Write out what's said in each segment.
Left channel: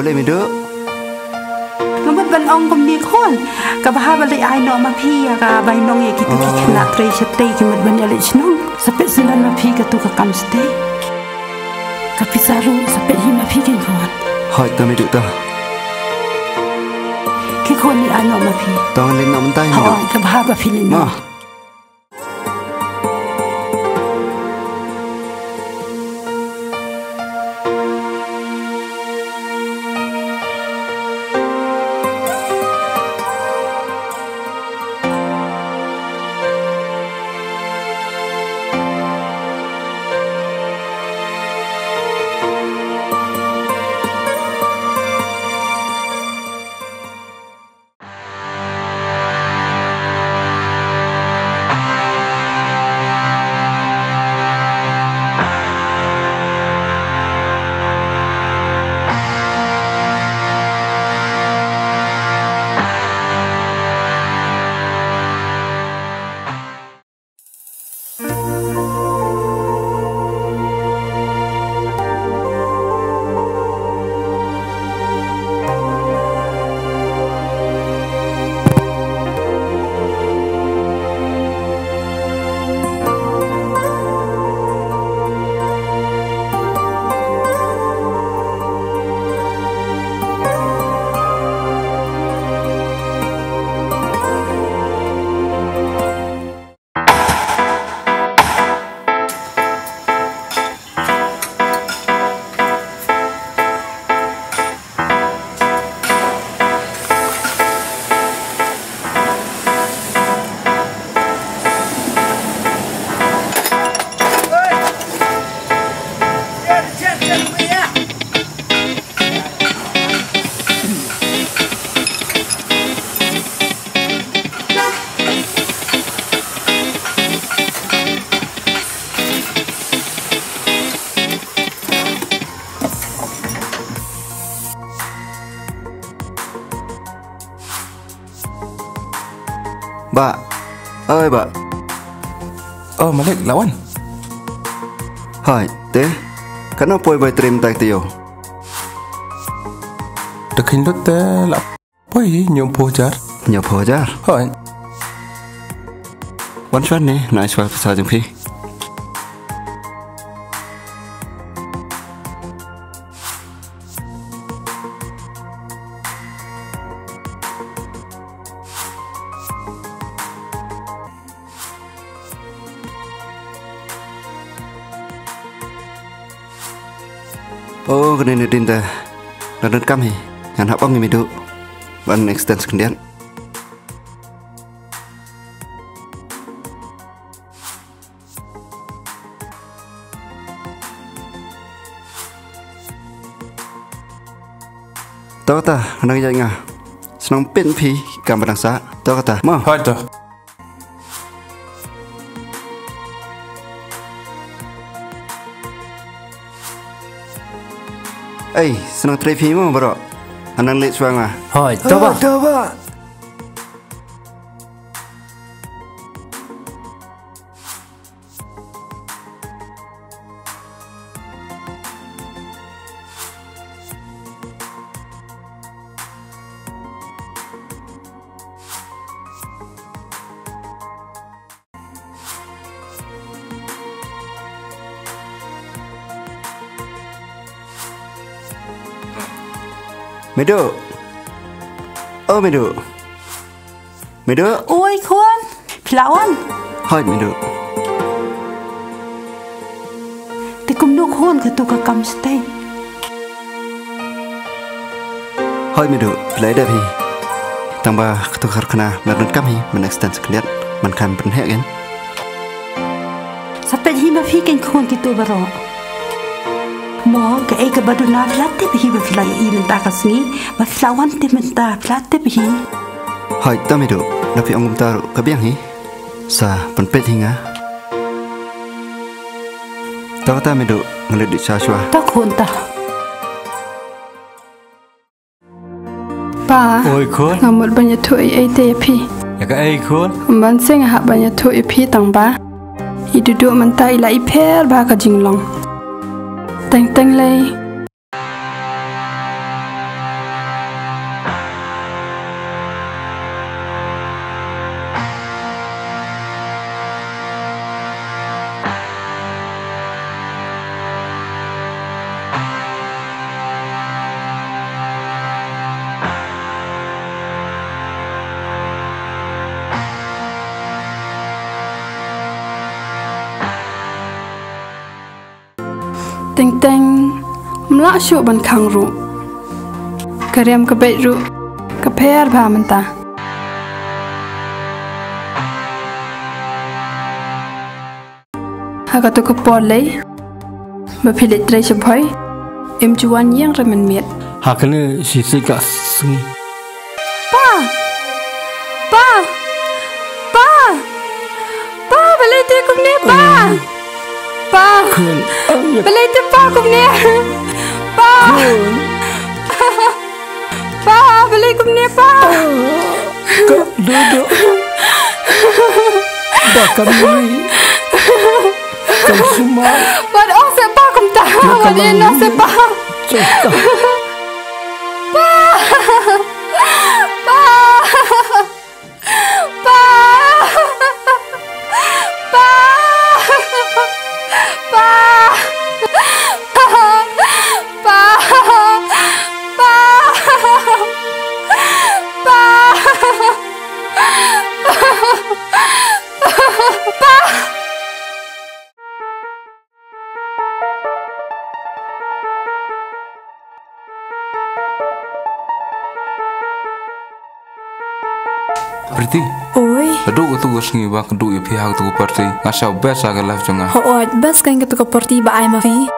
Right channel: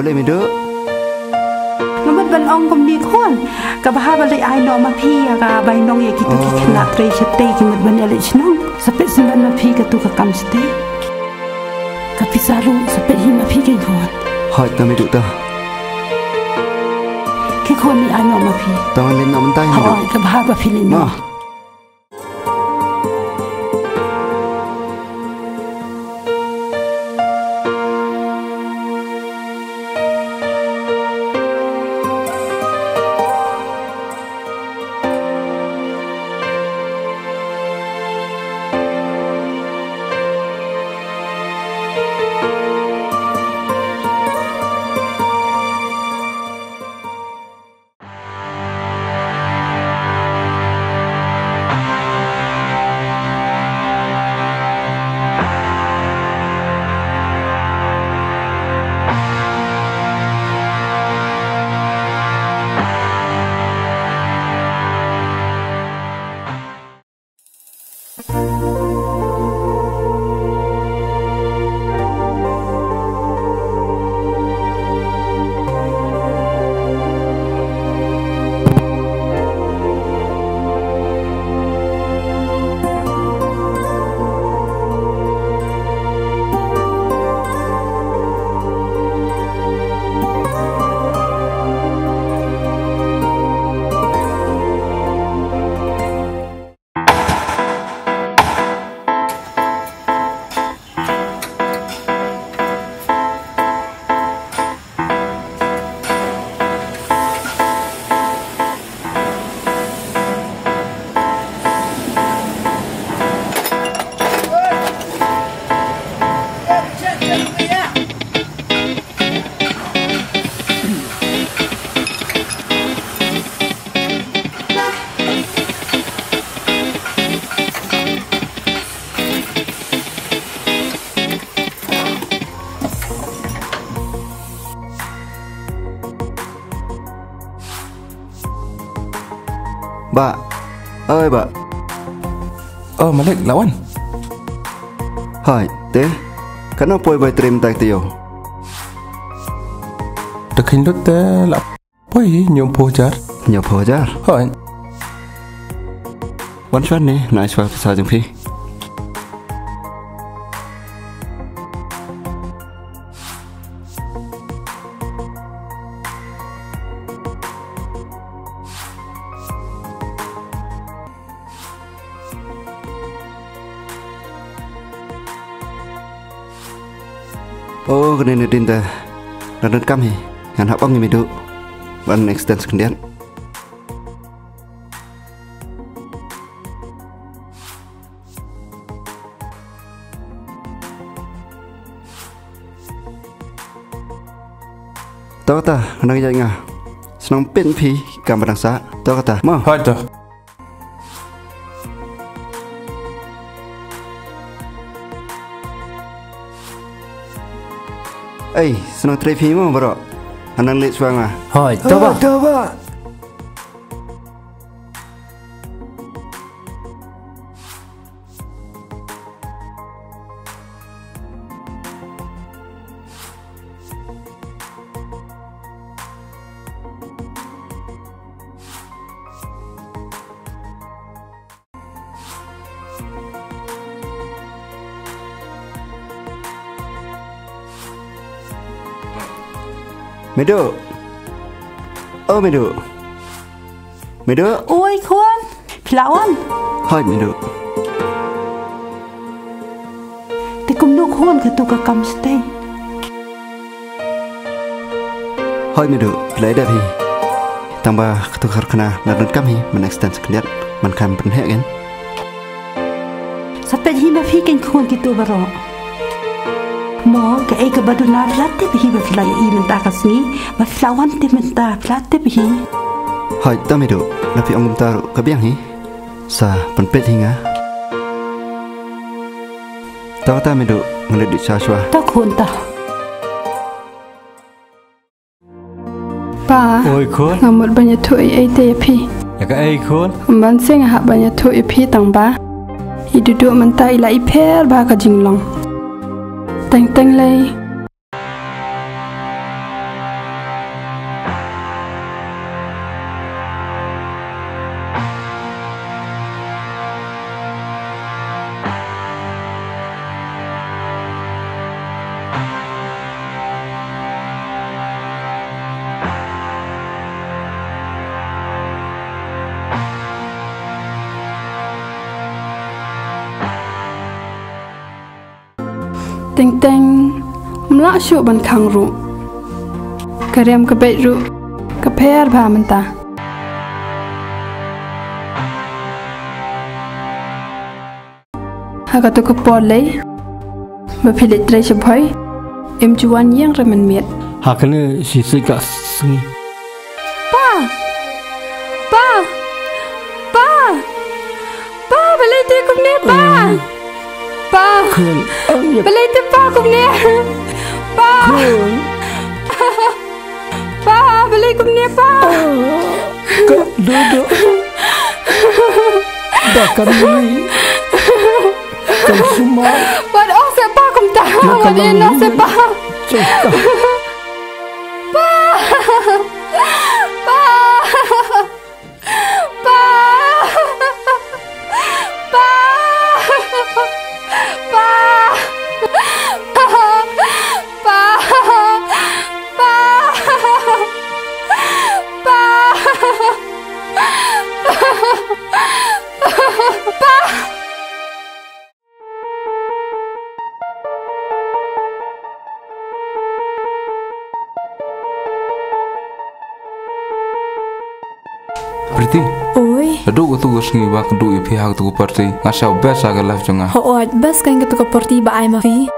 boleh meduk ngamat ban ong kom ni khon ka baha balai ai no ma phi ka bai nong ye kitu ki khna tre chate ki mat ban ale chnong sapet san ma phi ka tu ka kam ste ka pisaru sapet hi ma phi ken khon hoi ta meduk ta ki khon ni ai no ma phi tong len nom tai meduk hoi ka baha ba phi len no Ba, ơi ba. Malik lawan. Hai, te. Kenapa boy trim tak tio? Dekin dot te lap. Boy nyompo jar. Nyompo jar. Hai. Wan chuan ni, nice wa pasal jeng pi. Oh, kena ni dinda. Ladan kami. Yang hak bang ni meduk. Ban extend sekian. Tahu tak, nak jadi ngah. Senang pen pi gambar nasa. Tahu tak, mah. Hai tu. Senang trepi mu bro. Anang lek suang ah. Hai, coba. Coba. Meduk. Oh meduk. Meduk. Oi khon, pelawan. Hai meduk. Tikum nuk khon ke tu ka kam stay. Hai meduk, pelai dah pi. Tambah ketukar kena ladan kami men-extend sekian man kan penhek kan. Sampai hima fi ken khon kitu baro. Mo ke ai ke baduna flatte bi ba filai I menta kasni ba flawan te menta flatte bi hai ta medo na pi angum taru ka biang hi sa penpet hinga ta medo ngale di chashwa ta khon ta pa oi khon ngamot banya thu ai te pi ya ka ai khon man seng ha banya thu I pi tang ba I dudu menta I lai pher ba ka jinglong teng teng lei teng mla shu ban khang ru karem ka bai ru ka pher bha man ta ha ka to ka por lei ba philet trai che bhai em chuan yang ra man miet ha kene si se ka singi pa pa pa pa balai te kum ne pa pa khun balai te pa kum ne pa pa balai kum ne pa ka do ba kan ni kan suma ba o se pa kum ta ba de no se pa chota pa pa pa pa pa Priti, oi aduh tu sengi bak du ya pihak tu parti ngasau best agak live jonga. hooj bes kan gitu ke porti ba ai ma fi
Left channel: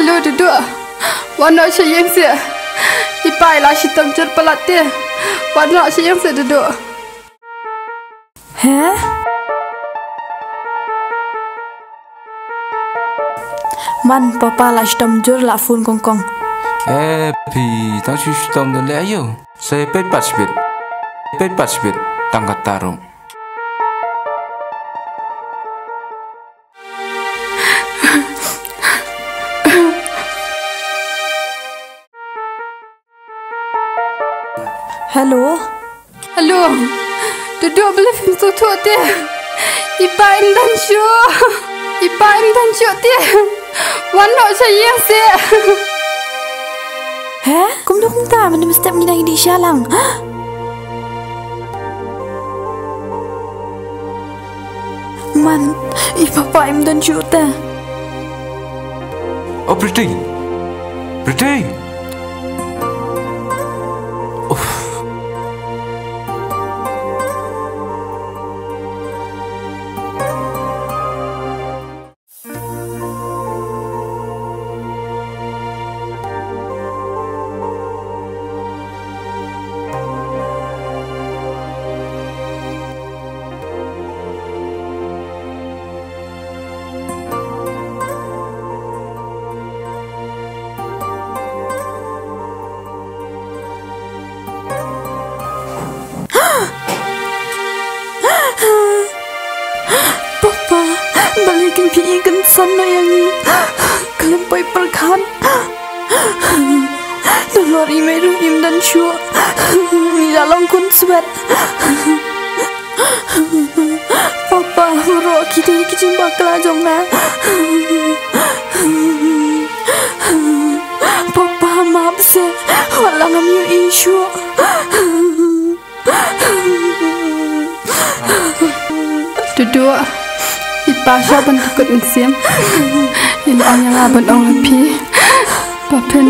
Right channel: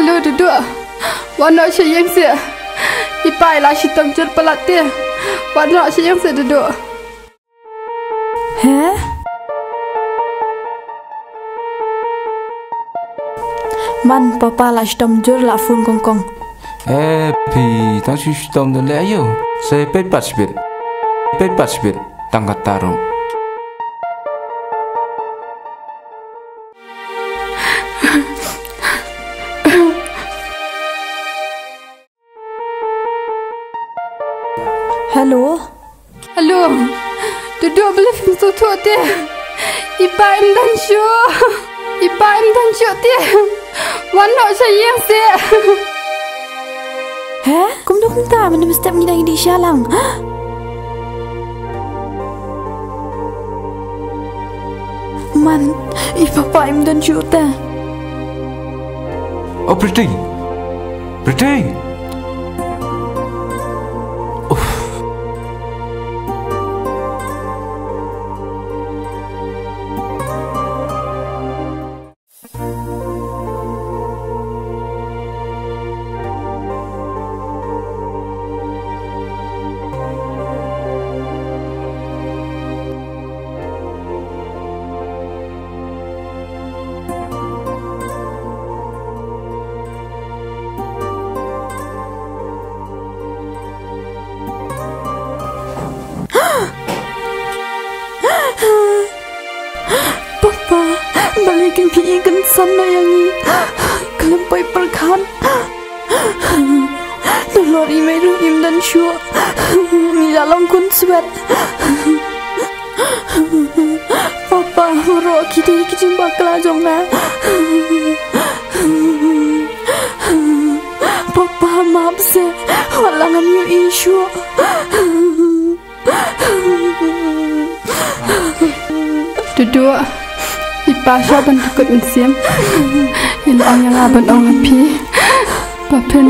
hello dudu wana che yang se ipai la shitam jur palate wana che yang se dudu he man papa la stom jur la fun kong kong Pi, tang si stom de le ayo. Saya pet pasbit, tangkat tarung. hello dudu beli film tu tu te ipai dan shu te wana che yang se he kum do kum ta man mesti ngina ngidi shalang man I papa im dan chuta Oh, Priti. balikin piikan sana yang ni kelempai perkan dolor imeru im dan syua ni dalam kun sweat papa mero kita kijimba kelajong na papa maaf se walangan yu isu dudu ipasha ban tukut mensiam ilang yang aban ong happy papen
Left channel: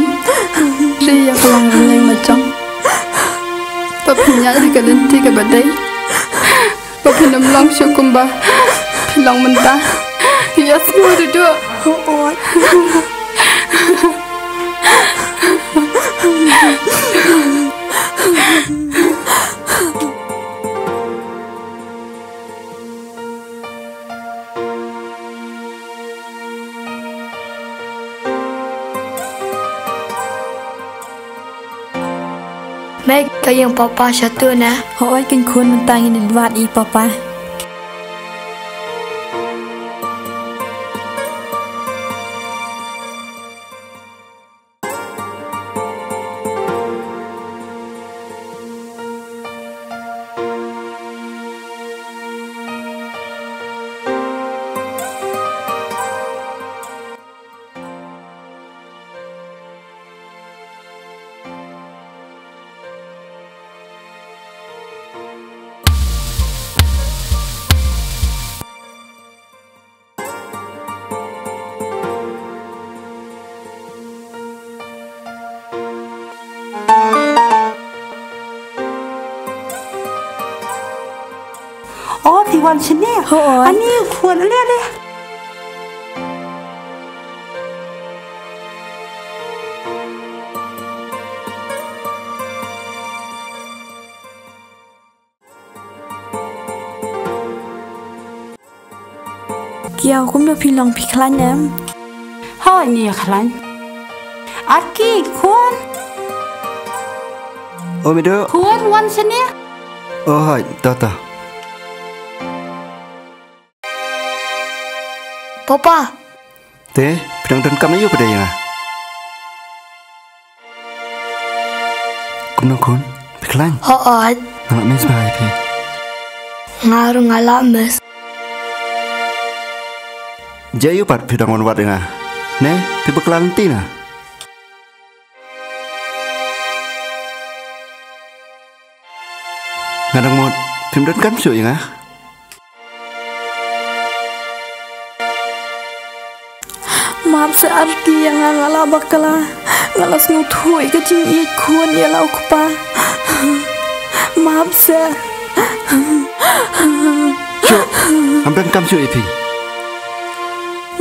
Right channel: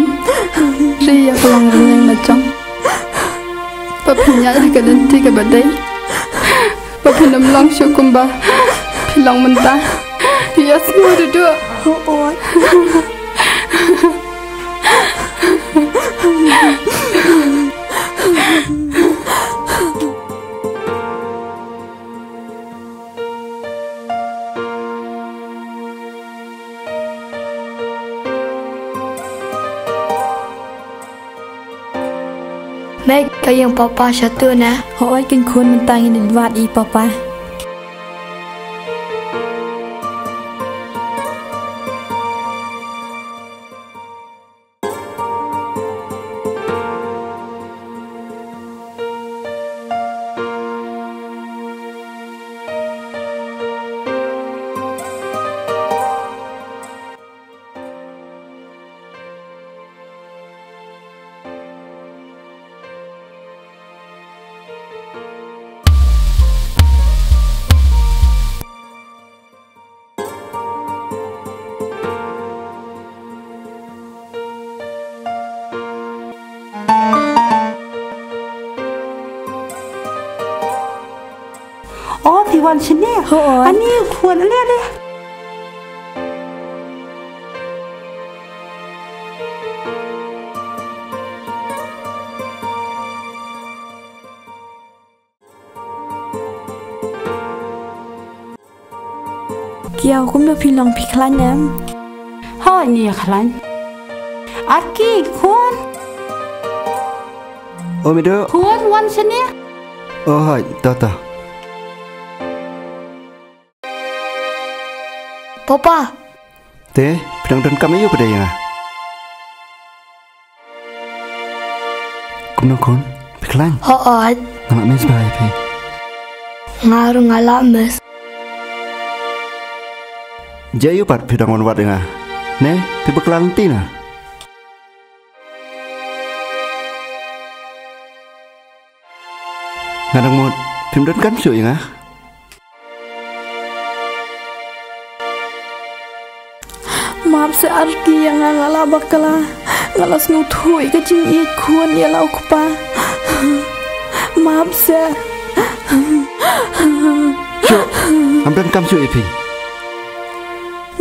ri ya pulang yang macam papinya ke lenti ke badai papen namlang syukumba pilang mentah dia semua dudu oh Meg kayang papa satu na. Hoy kan kun mentangin di luar I papa. อ๋อพี่วันฉันเนี่ยอันนี้ควรอะไรเลยเกี่ยวคุ้มดูพี่ลองพี่คลานน้ำห่อเนี่ยคลานอากี้ควรโอ้ไม่ดูควรวันฉันเนี่ยโอ้ยต่อPapa เต้พี่น้องเดินกำไม่อยู่ประเดี๋ยวนะคุณน้องคุณพี่คลานHoat นั่งหลับไม่สบายพี่Ngaruh ngalak mes Jaya patพี่น้องวันวัดยังไงเน่พี่บักลางตีนะงานทั้งหมดพิมพ์เดินกันสวยยังไงmaaf searti yang ngala bakala ngalas nguthui ke jing i khun ya lau kpa maaf se cho am dan kam sui phi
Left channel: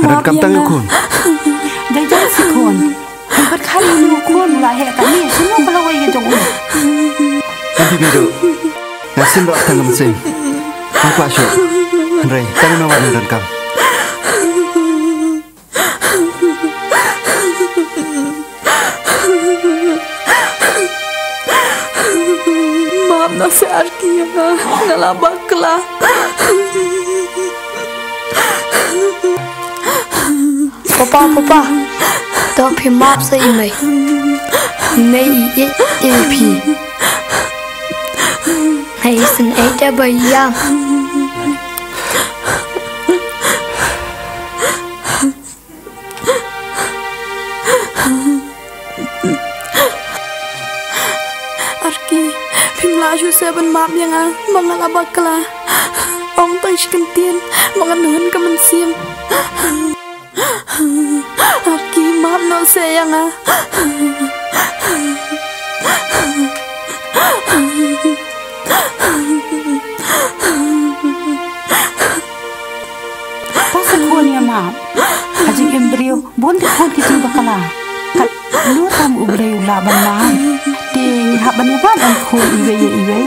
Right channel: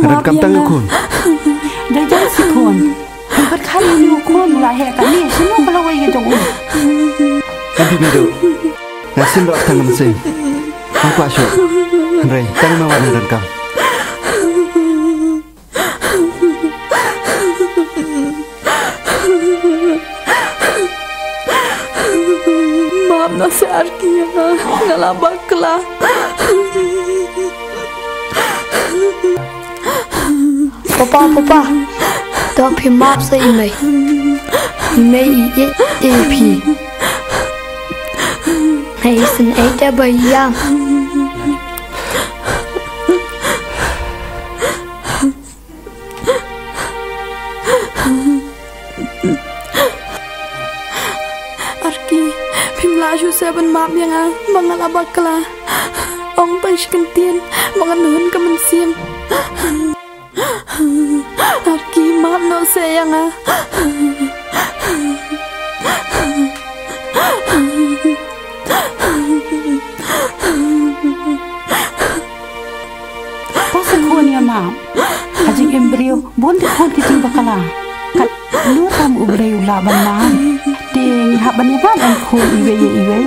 dan kam tang khun dai si khun anh bắt khai liu khun là hệ cả nè xin nó bao cái trong em phi me do na sim ro tang am sim ang kwa sho rei tang ma wan dan kam maaf na searti yang ngala bakala Papa Tao phim map sa imay Imay EP Hay sin ay ta bayang Arki phim laju seven maaf yang mangala bakala Ong tay shikantian manganuhan ka man siyam Arki maaf no sayang Pas khun ya maaf ajing embrio bon ti khun ti bakala kat lu tam ubreu la ban ma ting ha ban ba ban khun iwe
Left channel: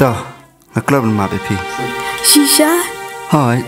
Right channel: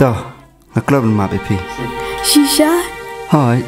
to ngak lo ban ma be phi Shisha hai